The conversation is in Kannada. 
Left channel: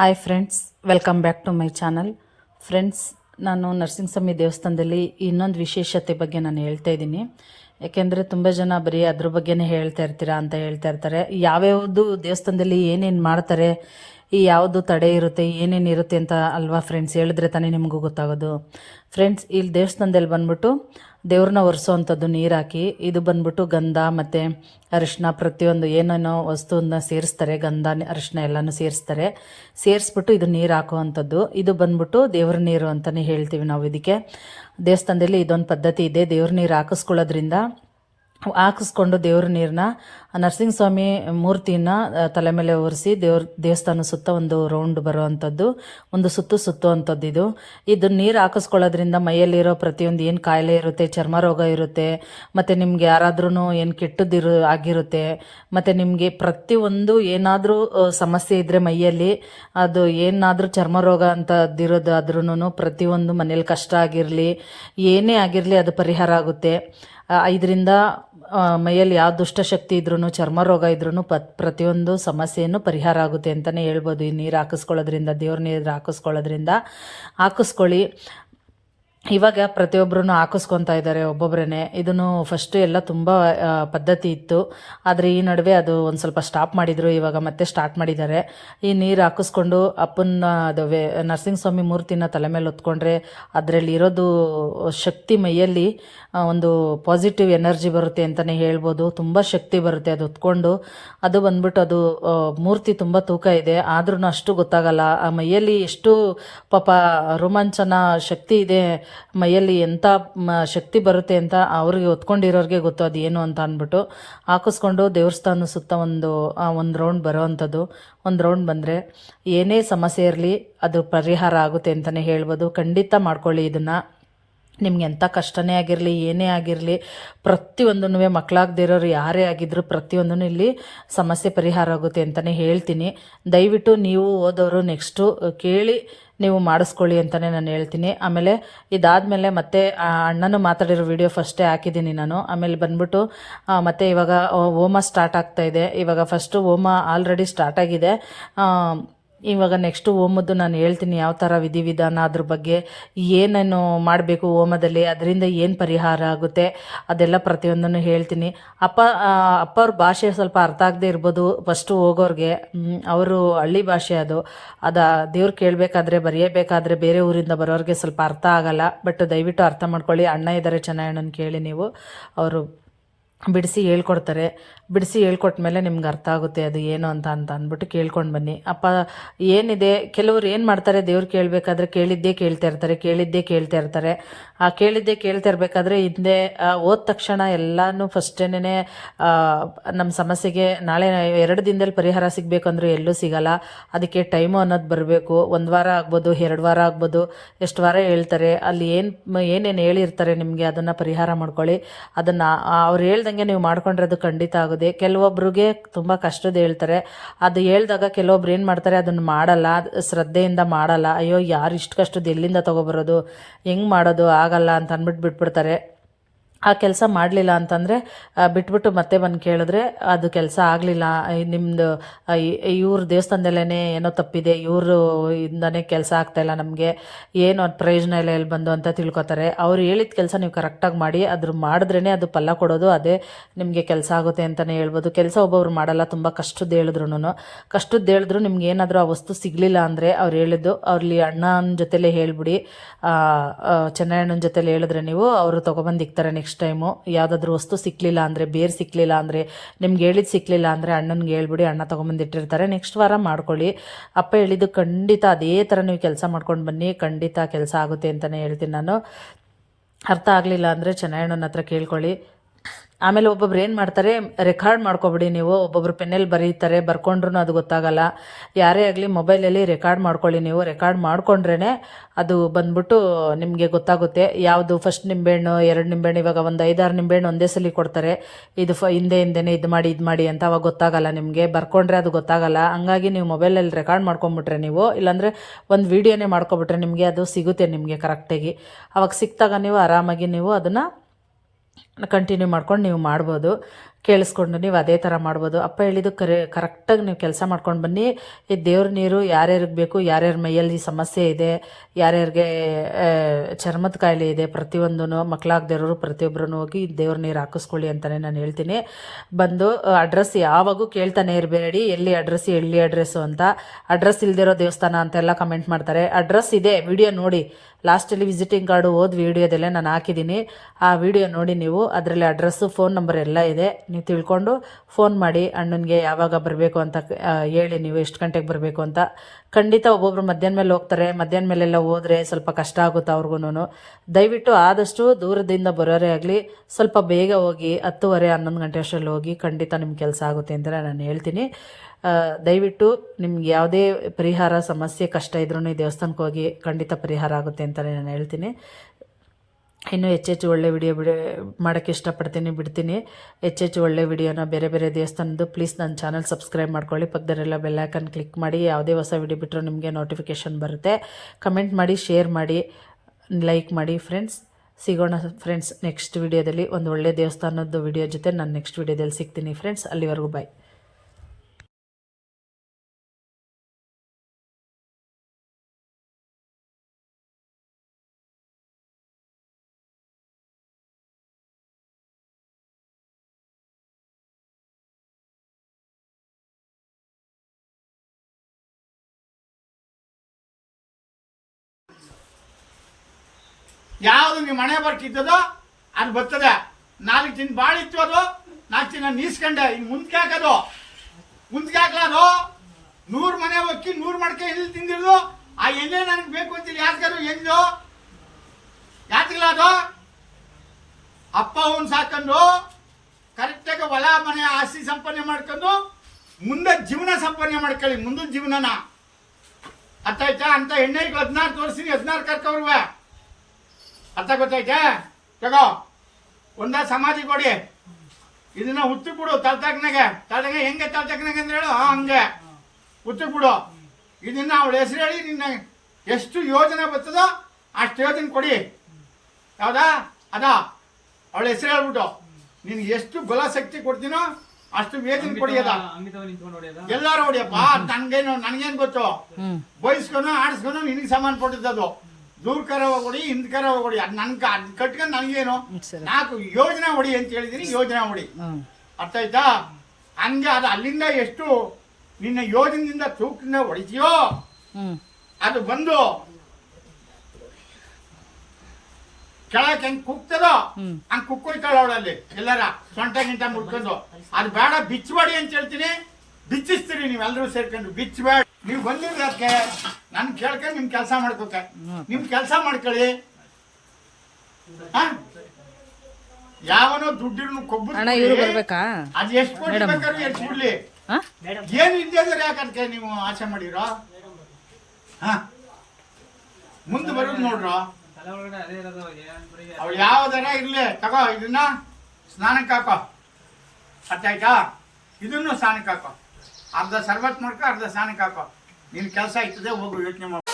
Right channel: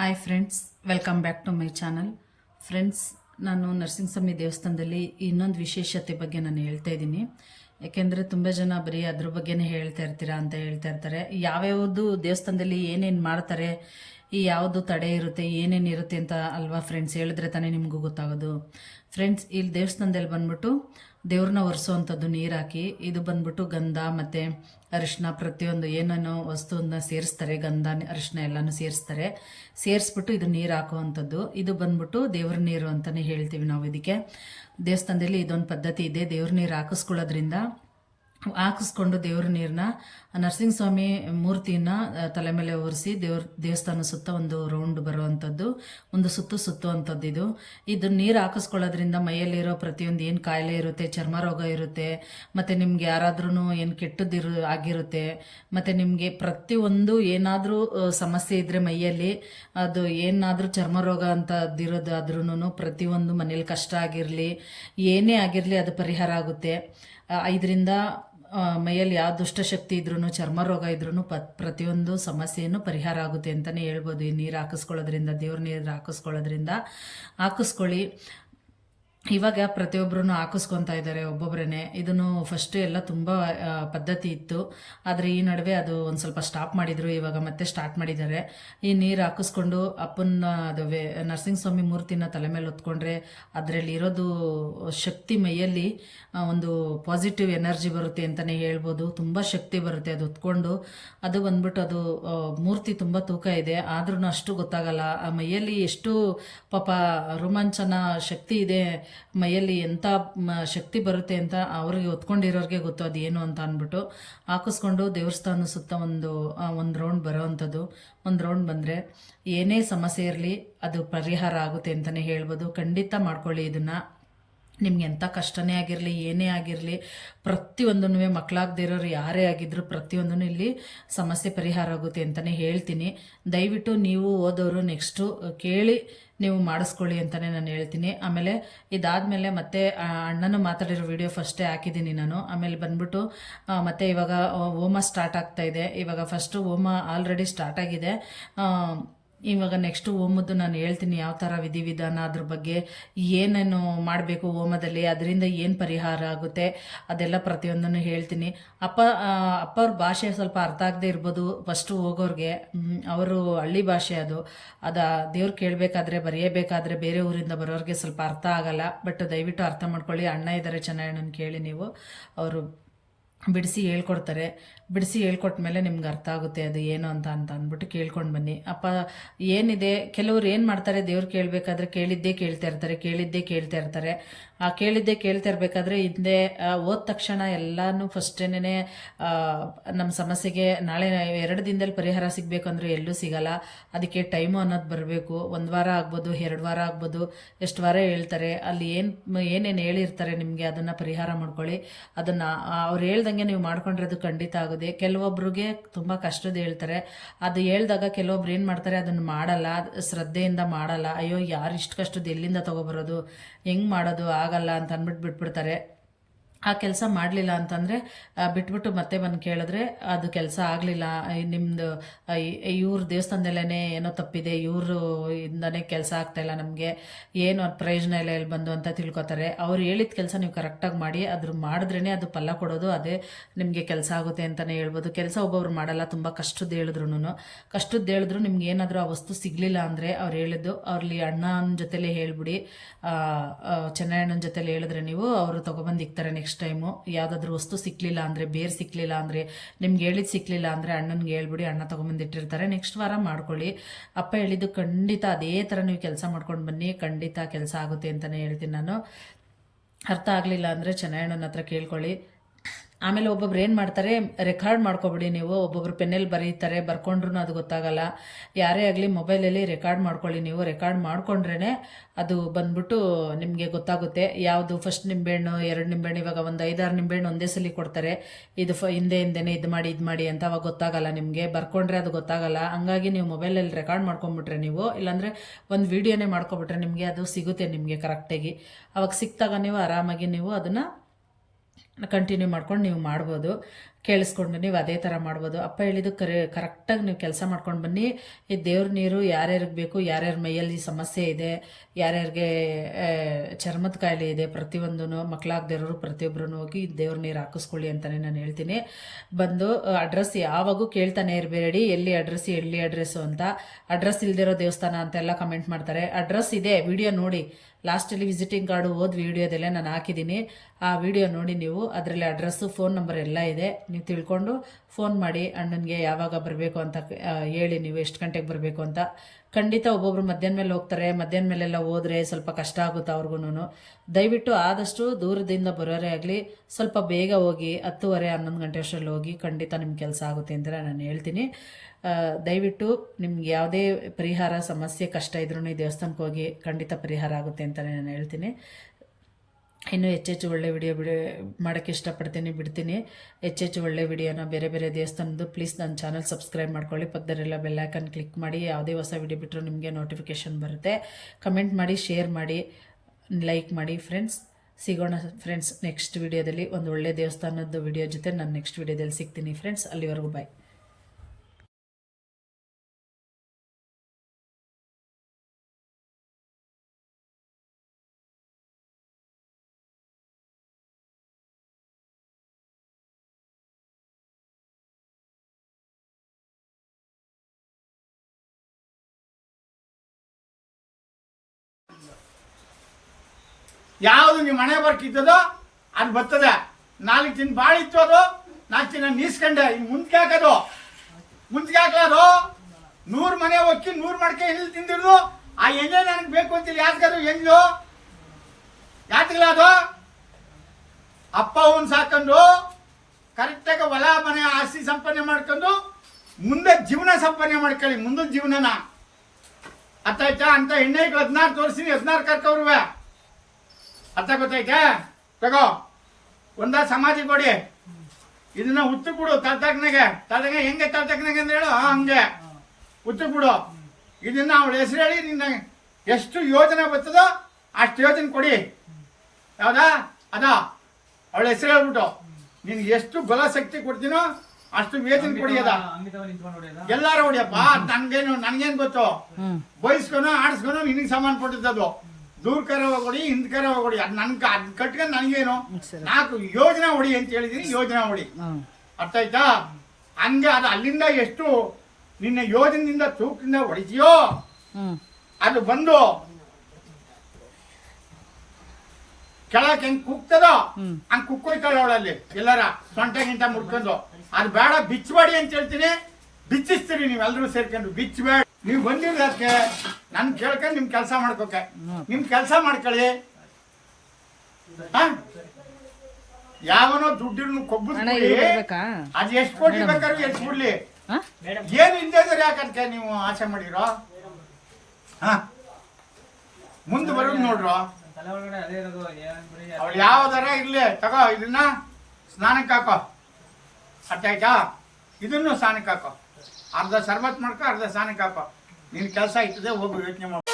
Hi friends welcome back to my channel friends ನಾನು ನರಸಿಂಹಸ್ವಾಮಿ ದೇವಸ್ಥಾನದಲ್ಲಿ ಇನ್ನೊಂದು ವಿಶೇಷತೆ ಬಗ್ಗೆ ನಾನು ಹೇಳ್ತಾ ಇದ್ದೀನಿ. ಯಾಕೆಂದರೆ ತುಂಬ ಜನ ಬರೀ ಅದ್ರ ಬಗ್ಗೆನೇ ಹೇಳ್ತಾ ಇರ್ತೀರಾ ಅಂತ ಹೇಳ್ತಾ ಇರ್ತಾರೆ. ಯಾವ್ಯಾವುದು ದೇವಸ್ಥಾನದಲ್ಲಿ ಏನೇನು ಮಾಡ್ತಾರೆ, ಈ ಯಾವುದು ತಡೆ ಇರುತ್ತೆ, ಏನೇನು ಇರುತ್ತೆ ಅಂತ ಅಲ್ವಾ ಫ್ರೆಂಡ್ಸ್ ಹೇಳಿದ್ರೆ ತಾನೇ ನಿಮಗೂ ಗೊತ್ತಾಗೋದು. ಫ್ರೆಂಡ್ಸ್ ಇಲ್ಲಿ ದೇವಸ್ಥಾನದಲ್ಲಿ ಬಂದ್ಬಿಟ್ಟು ದೇವ್ರನ್ನ ಒರೆಸೋವಂಥದ್ದು ನೀರು ಹಾಕಿ ಇದು ಬಂದ್ಬಿಟ್ಟು ಗಂಧ ಮತ್ತು ಅರಿಶಿನ ಪ್ರತಿಯೊಂದು ಏನೇನೋ ವಸ್ತುವನ್ನ ಸೇರಿಸ್ತಾರೆ ಗಂಧ ಅರಿಶಿನ ಎಲ್ಲನೂ ಸೇರಿಸ್ತಾರೆ. ಸೇರಿಸ್ಬಿಟ್ಟು ಇದು ನೀರು ಹಾಕುವಂಥದ್ದು. ಇದು ಬಂದ್ಬಿಟ್ಟು ದೇವ್ರ ನೀರು ಅಂತಲೇ ಹೇಳ್ತೀವಿ ನಾವು ಇದಕ್ಕೆ. ದೇವಸ್ಥಾನದಲ್ಲಿ ಇದೊಂದು ಪದ್ಧತಿ ಇದೆ. ದೇವ್ರ ನೀರು ಹಾಕಿಸ್ಕೊಳ್ಳೋದ್ರಿಂದ ಹಾಕಿಸ್ಕೊಂಡು ದೇವ್ರ ನೀರನ್ನ ನರಸಿಂಹಸ್ವಾಮಿ ಮೂರ್ತಿನ ಆ, ತಲೆ ಮೇಲೆ ಒರೆಸಿ ದೇವ್ರ ದೇವಸ್ಥಾನ ಸುತ್ತ ಒಂದು ರೌಂಡ್ ಬರುವಂಥದ್ದು ಒಂದು ಸುತ್ತು ಸುತ್ತುವಂಥದ್ದು ಇದು. ಇದು ನೀರು ಹಾಕಿಸ್ಕೊಳ್ಳೋದ್ರಿಂದ ಮೈಯಲ್ಲಿರೋ ಪ್ರತಿಯೊಂದು ಏನು ಕಾಯಿಲೆ ಇರುತ್ತೆ ಚರ್ಮ ರೋಗ ಇರುತ್ತೆ ಮತ್ತು ನಿಮ್ಗೆ ಯಾರಾದ್ರೂ ಏನು ಕೆಟ್ಟದ್ದಿರು ಆಗಿರುತ್ತೆ ಮತ್ತು ನಿಮಗೆ ಪ್ರತಿಯೊಂದು ಏನಾದರೂ ಸಮಸ್ಯೆ ಇದ್ದರೆ ಮೈಯಲ್ಲಿ ಅದು ಏನಾದರೂ ಚರ್ಮ ರೋಗ ಅಂತದ್ದಿರೋದಾದ್ರೂ ಪ್ರತಿಯೊಂದು ಮನೇಲಿ ಕಷ್ಟ ಆಗಿರಲಿ ಏನೇ ಆಗಿರಲಿ ಅದು ಪರಿಹಾರ ಆಗುತ್ತೆ. ಇದರಿಂದ ಮೈಯಲ್ಲಿ ಯಾವ ದುಷ್ಟಶಕ್ತಿ ಇದ್ರೂ ಚರ್ಮ ರೋಗ ಇದ್ರೂ ಪ ಪ್ರತಿಯೊಂದು ಸಮಸ್ಯೆಯನ್ನು ಪರಿಹಾರ ಆಗುತ್ತೆ ಅಂತಲೇ ಹೇಳ್ಬೋದು. ಈ ನೀರು ಹಾಕಿಸ್ಕೊಳ್ಳೋದ್ರಿಂದ, ದೇವ್ರ ನೀರು ಹಾಕಿಸ್ಕೊಳ್ಳೋದ್ರಿಂದ ಹಾಕಿಸ್ಕೊಳ್ಳಿ. ಇವಾಗ ಪ್ರತಿಯೊಬ್ಬರೂ ಹಾಕಿಸ್ಕೊತಾ ಇದ್ದಾರೆ ಒಬ್ಬೊಬ್ಬರೇ ಇದನ್ನು ಫಸ್ಟ್ ಎಲ್ಲ ತುಂಬ ಪದ್ಧತಿ ಇತ್ತು. ಆದರೆ ಈ ನಡುವೆ ಅದು ಒಂದು ಸ್ವಲ್ಪ ಸ್ಟಾಪ್ ಮಾಡಿದರು, ಇವಾಗ ಮತ್ತೆ ಸ್ಟಾರ್ಟ್ ಮಾಡಿದ್ದಾರೆ. ಈ ನೀರು ಹಾಕಿಸ್ಕೊಂಡು ಅಪ್ಪನ ಅದು ವೇ, ನರಸಿಂಹಸ್ವಾಮಿ ಮೂರ್ತಿನ ತಲೆ ಮೇಲೆ ಹೊತ್ಕೊಂಡ್ರೆ ಅದರಲ್ಲಿ ಇರೋದು ಶಕ್ತಿ ಮೈಯಲ್ಲಿ ಒಂದು ಪಾಸಿಟಿವ್ ಎನರ್ಜಿ ಬರುತ್ತೆ ಅಂತಲೇ ಹೇಳ್ಬೋದು. ತುಂಬ ಶಕ್ತಿ ಬರುತ್ತೆ ಅದು ಹೊತ್ಕೊಂಡು. ಅದು ಬಂದ್ಬಿಟ್ಟು ಅದು ಮೂರ್ತಿ ತುಂಬ ತೂಕ ಇದೆ. ಆದ್ರೂ ಅಷ್ಟು ಗೊತ್ತಾಗಲ್ಲ. ಆ ಮೈಯಲ್ಲಿ ಎಷ್ಟು ಪಾಪ ರೋಮಾಂಚನ ಶಕ್ತಿ ಇದೆ. ಮೈಯಲ್ಲಿ ಎಂಥ ಶಕ್ತಿ ಬರುತ್ತೆ ಅಂತ ಅವ್ರಿಗೆ ಹೊತ್ಕೊಂಡಿರೋರಿಗೆ ಗೊತ್ತು ಅದು ಏನು ಅಂತ ಅಂದ್ಬಿಟ್ಟು ಹಾಕಿಸ್ಕೊಂಡು ದೇವಸ್ಥಾನ ಸುತ್ತ ಒಂದು ಒಂದು ರೌಂಡ್ ಬರೋ ಅಂಥದ್ದು ಒಂದು ರೌಂಡ್ ಬಂದರೆ ಏನೇ ಸಮಸ್ಯೆ ಇರಲಿ ಅದು ಪರಿಹಾರ ಆಗುತ್ತೆ ಅಂತಲೇ ಹೇಳ್ಬೋದು. ಖಂಡಿತ ಮಾಡ್ಕೊಳ್ಳಿ ಇದನ್ನು. ನಿಮ್ಗೆ ಎಂಥ ಕಷ್ಟನೇ ಆಗಿರಲಿ, ಏನೇ ಆಗಿರಲಿ ಪ್ರತಿಯೊಂದೂ ಇರೋರು ಯಾರೇ ಆಗಿದ್ರು ಪ್ರತಿಯೊಂದೂ ಇಲ್ಲಿ ಸಮಸ್ಯೆ ಪರಿಹಾರ ಆಗುತ್ತೆ ಅಂತಲೇ ಹೇಳ್ತೀನಿ. ದಯವಿಟ್ಟು ನೀವು ಓದೋರು ನೆಕ್ಸ್ಟು ಕೇಳಿ ನೀವು ಮಾಡಿಸ್ಕೊಳ್ಳಿ ಅಂತಲೇ ನಾನು ಹೇಳ್ತೀನಿ. ಆಮೇಲೆ ಇದಾದಮೇಲೆ ಮತ್ತೆ ಅಣ್ಣನೂ ಮಾತಾಡಿರೋ ವಿಡಿಯೋ ಫಸ್ಟೇ ಹಾಕಿದ್ದೀನಿ ನಾನು. ಆಮೇಲೆ ಬಂದ್ಬಿಟ್ಟು ಮತ್ತೆ ಇವಾಗ ಹೋಮ ಸ್ಟಾರ್ಟ್ ಆಗ್ತಾ ಇದೆ. ಇವಾಗ ಫಸ್ಟು ಹೋಮ ಆಲ್ರೆಡಿ ಸ್ಟಾರ್ಟ್ ಆಗಿದೆ. ಇವಾಗ ನೆಕ್ಸ್ಟ್ ಹೋಮದ್ದು ನಾನು ಹೇಳ್ತೀನಿ ಯಾವ ಥರ ವಿಧಿವಿಧಾನ ಅದ್ರ ಬಗ್ಗೆ ಏನೇನು ಮಾಡಬೇಕು ಹೋಮದಲ್ಲಿ ಅದರಿಂದ ಏನು ಪರಿಹಾರ ಆಗುತ್ತೆ ಅದೆಲ್ಲ ಪ್ರತಿಯೊಂದನ್ನು ಹೇಳ್ತೀನಿ. ಅಪ್ಪ ಅಪ್ಪ ಅವ್ರ ಭಾಷೆ ಸ್ವಲ್ಪ ಅರ್ಥ ಆಗದೆ ಇರ್ಬೋದು ಫಸ್ಟು ಹೋಗೋರಿಗೆ. ಅವರು ಹಳ್ಳಿ ಭಾಷೆ ಅದು. ಅದ, ದೇವ್ರು ಕೇಳಬೇಕಾದ್ರೆ, ಬರೆಯಬೇಕಾದ್ರೆ ಬೇರೆ ಊರಿಂದ ಬರೋರಿಗೆ ಸ್ವಲ್ಪ ಅರ್ಥ ಆಗಲ್ಲ. ಬಟ್ ದಯವಿಟ್ಟು ಅರ್ಥ ಮಾಡ್ಕೊಳ್ಳಿ. ಅಣ್ಣ ಇದ್ದಾರೆ ಚೆನ್ನಣ್ಣನ ಕೇಳಿ ನೀವು. ಅವರು ಬಿಡಿಸಿ ಹೇಳ್ಕೊಡ್ತಾರೆ. ಬಿಡಿಸಿ ಹೇಳ್ಕೊಟ್ಮೇಲೆ ನಿಮ್ಗೆ ಅರ್ಥ ಆಗುತ್ತೆ ಅದು ಏನು ಅಂತ ಅಂತ ಅಂದ್ಬಿಟ್ಟು ಕೇಳ್ಕೊಂಡು ಬನ್ನಿ. ಅಪ್ಪ, ಏನಿದೆ? ಕೆಲವ್ರು ಏನು ಮಾಡ್ತಾರೆ? ದೇವ್ರು ಕೇಳಬೇಕಾದ್ರೆ ಕೇಳಿದ್ದೇ ಕೇಳ್ತಾ ಇರ್ತಾರೆ, ಕೇಳಿದ್ದೇ ಕೇಳ್ತಾ ಇರ್ತಾರೆ. ಆ ಕೇಳಿದ್ದೇ ಕೇಳ್ತಾ ಇರಬೇಕಾದ್ರೆ ಹಿಂದೆ ಓದ ತಕ್ಷಣ ಎಲ್ಲನೂ ಫಸ್ಟೇನೆ ನಮ್ಮ ಸಮಸ್ಯೆಗೆ ನಾಳೆ ಎರಡು ದಿನದಲ್ಲಿ ಪರಿಹಾರ ಸಿಗಬೇಕು ಅಂದರೆ ಎಲ್ಲೂ ಸಿಗಲ್ಲ. ಅದಕ್ಕೆ ಟೈಮು ಅನ್ನೋದು ಬರಬೇಕು. ಒಂದು ವಾರ ಆಗ್ಬೋದು, ಎರಡು ವಾರ ಆಗ್ಬೋದು, ಎಷ್ಟು ವಾರ ಹೇಳ್ತಾರೆ, ಅಲ್ಲಿ ಏನು, ಏನೇನು ಹೇಳಿರ್ತಾರೆ ನಿಮಗೆ, ಅದನ್ನು ಪರಿಹಾರ ಮಾಡ್ಕೊಳ್ಳಿ. ಅದನ್ನು ಅವ್ರು ಹೇಳ್ದಂಗೆ ನೀವು ಮಾಡ್ಕೊಂಡ್ರೆ ಅದು ಖಂಡಿತ ಆಗೋದೆ ಕೆಲವೊಬ್ರಿಗೆ ತುಂಬ ಕಷ್ಟದ ಹೇಳ್ತಾರೆ. ಅದು ಹೇಳ್ದಾಗ ಕೆಲವೊಬ್ರು ಏನು ಮಾಡ್ತಾರೆ, ಅದನ್ನು ಮಾಡಲ್ಲ, ಶ್ರದ್ಧೆಯಿಂದ ಮಾಡಲ್ಲ. ಅಯ್ಯೋ, ಯಾರು ಇಷ್ಟು ಕಷ್ಟದ ಎಲ್ಲಿಂದ ತೊಗೊಬರೋದು, ಹೆಂಗೆ ಮಾಡೋದು, ಆಗಲ್ಲ ಅಂತ ಅಂದ್ಬಿಟ್ಟು ಬಿಟ್ಬಿಡ್ತಾರೆ. ಆ ಕೆಲಸ ಮಾಡಲಿಲ್ಲ ಅಂತಂದರೆ ಬಿಟ್ಬಿಟ್ಟು ಮತ್ತೆ ಬಂದು ಕೇಳಿದ್ರೆ, ಅದು ಕೆಲಸ ಆಗಲಿಲ್ಲ. ನಿಮ್ಮದು ಇವ್ರ ದೇವಸ್ಥಾನದಲ್ಲೇ ಏನೋ ತಪ್ಪಿದೆ, ಇವರು ಇಂದನೇ ಕೆಲಸ ಆಗ್ತಾಯಿಲ್ಲ ನಮಗೆ, ಏನು ಅದು ಪ್ರಯೋಜನ ಇಲ್ಲ ಎಲ್ಲಿ ಬಂದು ಅಂತ ತಿಳ್ಕೊತಾರೆ. ಅವ್ರು ಹೇಳಿದ ಕೆಲಸ ನೀವು ಕರೆಕ್ಟಾಗಿ ಮಾಡಿ, ಅದ್ರ ಮಾಡಿದ್ರೇ ಅದು ಫಲ ಕೊಡೋದು, ಅದೇ ನಿಮಗೆ ಕೆಲಸ ಆಗುತ್ತೆ ಅಂತಲೇ ಹೇಳ್ಬೋದು. ಕೆಲಸ ಒಬ್ಬೊಬ್ರು ಮಾಡಲ್ಲ, ತುಂಬ ಕಷ್ಟದ್ದು ಹೇಳಿದ್ರು ಕಷ್ಟದ್ದು ಹೇಳಿದ್ರು ನಿಮ್ಗೆ ಏನಾದರೂ ಆ ವಸ್ತು ಸಿಗಲಿಲ್ಲ ಅಂದರೆ ಅವ್ರು ಹೇಳಿದ್ದು ಅವ್ರಲ್ಲಿ ಅಣ್ಣನ ಜೊತೆಲೇ ಹೇಳ್ಬಿಡಿ ಚೆನ್ನಣ್ಣನ ಜೊತೆಲಿ ಹೇಳಿದ್ರೆ ನೀವು ಅವರು ತೊಗೊಬಂದು ಇಕ್ತಾರೆ ನೆಕ್ಸ್ಟ್ ಟೈಮು ಯಾವುದಾದ್ರೂ ವಸ್ತು ಸಿಕ್ಕಲಿಲ್ಲ ಅಂದರೆ, ಬೇರೆ ಸಿಕ್ಕಲಿಲ್ಲ ಅಂದರೆ, ನಿಮ್ಗೆ ಹೇಳಿದ್ದು ಸಿಕ್ಕಲಿಲ್ಲ ಅಂದರೆ ಅಣ್ಣನಿಗೆ ಹೇಳ್ಬಿಡಿ, ಅಣ್ಣ ತೊಗೊಂಬಂದಿಟ್ಟಿರ್ತಾರೆ. ನೆಕ್ಸ್ಟ್ ವಾರ ಮಾಡ್ಕೊಳ್ಳಿ. ಅಪ್ಪ ಹೇಳಿದ್ದು ಖಂಡಿತ ಅದೇ ಥರ ನೀವು ಕೆಲಸ ಮಾಡ್ಕೊಂಡು ಬನ್ನಿ, ಖಂಡಿತ ಕೆಲಸ ಆಗುತ್ತೆ ಅಂತಲೇ ಹೇಳ್ತೀನಿ ನಾನು. ಅರ್ಥ ಆಗಲಿಲ್ಲ ಅಂದರೆ ಚೆನ್ನಣ್ಣನ ಹತ್ರ ಕೇಳ್ಕೊಳ್ಳಿ. ಆಮೇಲೆ ಒಬ್ಬೊಬ್ರು ಏನು ಮಾಡ್ತಾರೆ ರೆಕಾರ್ಡ್ ಮಾಡ್ಕೊಬಿಡಿ ನೀವು. ಒಬ್ಬೊಬ್ರು ಪೆನ್ನಲ್ಲಿ ಬರೀತಾರೆ ಬರ್ಕೊಂಡ್ರು ಅದು ಗೊತ್ತಾಗಲ್ಲ. ಯಾರೇ ಆಗಲಿ ಮೊಬೈಲಲ್ಲಿ ರೆಕಾರ್ಡ್ ಮಾಡ್ಕೊಳ್ಳಿ ನೀವು. ರೆಕಾರ್ಡ್ ಮಾಡ್ಕೊಂಡ್ರೇ ಅದು ಬಂದ್ಬಿಟ್ಟು ನಿಮಗೆ ಗೊತ್ತಾಗುತ್ತೆ. ಯಾವುದು ಫಸ್ಟ್ ನಿಂಬೆಹಣ್ಣು, ಎರಡು ನಿಂಬೆಹಣ್ಣು, ಇವಾಗ ಒಂದು ಐದಾರು ನಿಂಬೆಹಣ್ಣು ಒಂದೇ ಸಲ ಕೊಡ್ತಾರೆ. ಇದು ಫ, ಹಿಂದೆ, ಹಿಂದೆನೇ ಇದು ಮಾಡಿ ಇದು ಮಾಡಿ ಅಂತ ಅವಾಗ ಗೊತ್ತಾಗಲ್ಲ ನಿಮಗೆ. ಬರ್ಕೊಂಡ್ರೆ ಅದು ಗೊತ್ತಾಗಲ್ಲ. ಹಂಗಾಗಿ ನೀವು ಮೊಬೈಲಲ್ಲಿ ರೆಕಾರ್ಡ್ ಮಾಡ್ಕೊಂಬಿಟ್ರೆ ನೀವು, ಇಲ್ಲಾಂದರೆ ಒಂದು ವಿಡಿಯೋನೇ ಮಾಡ್ಕೊಬಿಟ್ರೆ ನಿಮಗೆ ಅದು ಸಿಗುತ್ತೆ ನಿಮಗೆ ಕರೆಕ್ಟಾಗಿ ಅವಾಗ ಸಿಕ್ತಾಗ ನೀವು ಆರಾಮಾಗಿ ನೀವು ಅದನ್ನು ಕಂಟಿನ್ಯೂ ಮಾಡ್ಕೊಂಡು ನೀವು ಮಾಡ್ಬೋದು. ಕೇಳಿಸ್ಕೊಂಡು ನೀವು ಅದೇ ಥರ ಮಾಡ್ಬೋದು. ಅಪ್ಪ ಹೇಳಿದ್ದು ಕರೆ ಕರೆಕ್ಟಾಗಿ ನೀವು ಕೆಲಸ ಮಾಡ್ಕೊಂಡು ಬನ್ನಿ. ಈ ದೇವ್ರ ನೀರು ಯಾರ್ಯಾರಿಗೆ ಬೇಕು, ಯಾರ್ಯಾರ ಮೈಯಲ್ಲಿ ಸಮಸ್ಯೆ ಇದೆ, ಯಾರ್ಯಾರಿಗೆ ಚರ್ಮದ ಕಾಯಿಲೆ ಇದೆ ಪ್ರತಿಯೊಂದೂ ಮಕ್ಕಳಾಗದಿರೋರು ಪ್ರತಿಯೊಬ್ಬರೂ ಹೋಗಿ ದೇವ್ರ ನೀರು ಹಾಕಿಸ್ಕೊಳ್ಳಿ ಅಂತಲೇ ನಾನು ಹೇಳ್ತೀನಿ. ಬಂದು ಅಡ್ರೆಸ್ ಯಾವಾಗೂ ಕೇಳ್ತಾನೆ ಇರಬೇಡಿ. ಎಲ್ಲಿ ಅಡ್ರೆಸ್, ಎಲ್ಲಿ ಅಡ್ರೆಸ್ಸು ಅಂತ. ಅಡ್ರೆಸ್ ಇಲ್ದಿರೋ ದೇವಸ್ಥಾನ ಅಂತೆಲ್ಲ ಕಮೆಂಟ್ ಮಾಡ್ತಾರೆ. ಅಡ್ರೆಸ್ ಇದೆ, ವಿಡಿಯೋ ನೋಡಿ. ಲಾಸ್ಟಲ್ಲಿ ವಿಸಿಟಿಂಗ್ ಕಾರ್ಡು ಓದ್ ವಿಡಿಯೋದಲ್ಲೇ ನಾನು ಹಾಕಿದ್ದೀನಿ. ಆ ವಿಡಿಯೋ ನೋಡಿ ನೀವು. ಅದರಲ್ಲಿ ಅಡ್ರೆಸ್ಸು, ಫೋನ್ ನಂಬರ್ ಎಲ್ಲ ಇದೆ. ನೀವು ತಿಳ್ಕೊಂಡು ಫೋನ್ ಮಾಡಿ, ಅಣ್ಣನಿಗೆ ಯಾವಾಗ ಬರಬೇಕು ಅಂತ ಹೇಳಿ, ನೀವು ಎಷ್ಟು ಗಂಟೆಗೆ ಬರಬೇಕು ಅಂತ. ಖಂಡಿತ ಒಬ್ಬೊಬ್ರು ಮಧ್ಯಾಹ್ನ ಮೇಲೆ ಹೋಗ್ತಾರೆ. ಮಧ್ಯಾಹ್ನ ಮೇಲೆಲ್ಲ ಹೋದರೆ ಸ್ವಲ್ಪ ಕಷ್ಟ ಆಗುತ್ತೆ ಅವ್ರಿಗೂ ದಯವಿಟ್ಟು ಆದಷ್ಟು ದೂರದಿಂದ ಬರೋರೇ ಆಗಲಿ, ಸ್ವಲ್ಪ ಬೇಗ ಹೋಗಿ ಹತ್ತುವರೆ, ಹನ್ನೊಂದು ಗಂಟೆ ಅಷ್ಟರಲ್ಲಿ ಹೋಗಿ ಖಂಡಿತ ನಿಮ್ಮ ಕೆಲಸ ಆಗುತ್ತೆ ಅಂತ ನಾನು ಹೇಳ್ತೀನಿ. ದಯವಿಟ್ಟು ನಿಮ್ಗೆ ಯಾವುದೇ ಪರಿಹಾರ, ಸಮಸ್ಯೆ, ಕಷ್ಟ ಇದ್ರೂ ಈ ದೇವಸ್ಥಾನಕ್ಕೆ ಹೋಗಿ ಖಂಡಿತ ಪರಿಹಾರ ಆಗುತ್ತೆ ಅಂತಲೇ ನಾನು ಹೇಳ್ತೀನಿ. ಇನ್ನೂ ಹೆಚ್ಚೆಚ್ಚು ಒಳ್ಳೆ ವಿಡಿಯೋ ಬಿಡ ಮಾಡೋಕ್ಕೆ ಇಷ್ಟಪಡ್ತೀನಿ, ಬಿಡ್ತೀನಿ. ಹೆಚ್ಚೆಚ್ಚು ಒಳ್ಳೆ ವಿಡಿಯೋನ ಬೇರೆ ಬೇರೆ ದೇವಸ್ಥಾನದ್ದು ಪ್ಲೀಸ್ ನನ್ನ ಚಾನಲ್ ಸಬ್ಸ್ಕ್ರೈಬ್ ಮಾಡ್ಕೊಳ್ಳಿ. ಪಕ್ಕದಲ್ಲೆಲ್ಲ ಬೆಲ್ಲೈಕನ್ ಕ್ಲಿಕ್ ಮಾಡಿ. ಯಾವುದೇ ಹೊಸ ವಿಡಿಯೋ ಬಿಟ್ಟರೂ ನಿಮಗೆ ನೋಟಿಫಿಕೇಷನ್ ಬರುತ್ತೆ. ಕಮೆಂಟ್ ಮಾಡಿ ಶೇರ್ ಮಾಡಿ ಲೈಕ್ ಮಾಡಿ ಫ್ರೆಂಡ್ಸ್ ಸಿಗೋಣ ಫ್ರೆಂಡ್ಸ್ ನೆಕ್ಸ್ಟ್ ವಿಡಿಯೋದಲ್ಲಿ ಒಂದು ಒಳ್ಳೆ ದೇವಸ್ಥಾನದ ವಿಡಿಯೋ ಜೊತೆ ನಾನು ನೆಕ್ಸ್ಟ್ ವಿಡಿಯೋದಲ್ಲಿ ಸಿಗ್ತೀನಿ ಫ್ರೆಂಡ್ಸ್ ಅಲ್ಲಿವರೆಗೂ ಬಾಯ್ ಯಾವುದು ನಿಮ್ಮ ಮನೆ ಬರ್ಕಿದ್ದದೋ ಅದು ಬರ್ತದೆ. ನಾಲ್ಕು ದಿನ ಭಾಳ ಇತ್ತು ಅದು ನಾಲ್ಕು ದಿನ ನೀಸ್ಕೊಂಡೆ, ಇನ್ನು ಮುಂದಕ್ಕೆ ಹಾಕೋದು. ಮುಂದಕ್ಕೆ ಹಾಕ್ಲಾರು? ನೂರು ಮನೆ ಒಕ್ಕಿ ನೂರು ಮಡಕೆ ಇಲ್ಲಿ ತಿಂದಿರೋದು. ಆ ಎಣ್ಣೆ ನನಗೆ ಬೇಕು ಅಂತ ಯಾತ್ಗಾರು ಹೆಂಗು ಯಾತ್ಗಳದು ಅಪ್ಪ ಅವನ್ ಸಾಕೊಂಡು ಕರೆಕ್ಟಾಗಿ ಹೊಲ, ಮನೆ, ಆಸ್ತಿ ಸಂಪಾದನೆ ಮಾಡ್ಕೊಂಡು ಮುಂದೆ ಜೀವನ ಸಂಪಾದನೆ ಮಾಡ್ಕೊಳ್ಳಿ, ಮುಂದಿನ ಜೀವನನ. ಅತ್ತಾಯ್ತಾ? ಅಂತ ಎಣ್ಣೆಗೆ ಹದಿನಾರು ತೋರಿಸ್ತೀನಿ ಹದಿನಾರು ಕರ್ಕವ್ರುವೆ. ಅರ್ಥ ಗೊತ್ತೈತೆ ತಗೋ ಒಂದ ಸಮಾಧಿ ಕೊಡಿ. ಇದನ್ನ ಉತ್ತು ಬಿಡು ತಲ್ತಕ್ನಾಗೆ ತಲ್ತಕ ಹೆಂಗೆ ತಲ್ತಕ್ನಾಗೆ ಅಂತ ಹೇಳು? ಹಂಗೆ. ಉತ್ತು ಬಿಡು. ಇದನ್ನ ಅವಳ ಹೆಸರು ಹೇಳಿ ನಿನ್ನ ಎಷ್ಟು ಯೋಜನೆ ಬರ್ತದೋ ಅಷ್ಟು ಯೋಜನೆ ಕೊಡಿ. ಯಾವ್ದಾ ಅದ ಅವಳ ಹೆಸರು ಹೇಳ್ಬಿಟ್ಟು. ನಿನ್ಗೆ ಎಷ್ಟು ಬಲ ಶಕ್ತಿ ಕೊಡ್ತೀನೋ ಅಷ್ಟು ವೇತನ ಕೊಡಿ ಅದ. ಎಲ್ಲಾರು ಹೊಡಿಯಪ್ಪ. ನನ್ಗೇನು ನನ್ಗೇನ್ ಗೊತ್ತು? ಬಯಸ್ಕೊನು ಆಡಿಸ್ಕೊನು ನಿನಗೆ ಸಂಬಂಧಪಟ್ಟಿದ್ದದು ದೂರ ಕರ ಹೋಗೋಡಿ ಹಿಂದ್ಕರ ಕರ ಹೋಗೊಡಿ ಅದು ನನ್ಗೆ ಅದ್ ಕಟ್ಕೊಂಡು ನನಗೇನು ನಾಲ್ಕು ಯೋಜನೆ ಹೊಡಿ ಅಂತ ಹೇಳಿದೀನಿ ಯೋಜನೆ ಹೊಡಿ. ಅರ್ಥ ಆಯ್ತಾ? ಹಂಗೆ ಅದು ಅಲ್ಲಿಂದ ಎಷ್ಟು ನಿನ್ನ ಯೋಜನೆಯಿಂದ ತೂಕದಿಂದ ಹೊಡಿತೀಯೋ? ಅದು ಬಂದು ಕೆಳಕ್ಕೆ ಹೆಂಗ್ ಕುಕ್ತದೋ. ಹಂಗ್ ಕುಕ್ಕೊಯ್ತಾಳ ಅವಳಲ್ಲಿ ಎಲ್ಲಾರ ಸೊಂಟಗಿಂತ ಮುಡ್ಕೊಂಡು ಅದು ಬೇಡ ಬಿಚ್ಚಬೇಡಿ ಅಂತ ಹೇಳ್ತೀನಿ. ಬಿಚ್ಚಿಸ್ತೀರಿ ನೀವೆಲ್ಲರೂ ಸೇರ್ಕೊಂಡು ಬಿಚ್ಚಬೇಡ. ನೀವು ಬಂದಿರೋದಕ್ಕೆ ನನ್ ಕೇಳ್ಕೊಂಡು ನಿಮ್ ಕೆಲಸ ಮಾಡ್ಕೋಕೆ. ನಿಮ್ಮ ನಿಮ್ ಕೆಲಸ ಮಾಡ್ಕೊಳ್ಳಿ. ಹ? ಯಾವನೋ ದುಡ್ಡಿನ ಕೊಬ್ಬು ಅದು ಎಷ್ಟು ಕೋಟಿ ಬೇಕಾದ್ರೆ ಎಷ್ಟು ಕೊಡ್ಲಿ. ಹಾಂ? ಏನು ಇಲ್ದೇ ಯಾಕಂತ ನೀವು ಆಸೆ ಮಾಡಿರೋ? ಹ? ಮುಂದೆ ಬರೋ ನೋಡ್ರು. ಅವ್ರು ಯಾವ್ದಾರ ಇರ್ಲಿ ತಗೋ ಇದನ್ನ ಸ್ನಾನಕ್ಕೆ ಹಾಕೋ. ಅರ್ಥ ಆಯ್ತಾ? ಇದನ್ನು ಸ್ನಾನಕ್ಕೆ ಹಾಕೋ. ಅರ್ಧ ಸರ್ಬತ್ ಮಾಡ್ಕೋ ಅರ್ಧ ಸ್ನಾನಕ್ಕೆ ಹಾಕೋ. ನಿನ್ ಕೆಲಸ ಆಯ್ತದೆ ಹೋಗು ಯೋಚನೆ ಮಾಡು.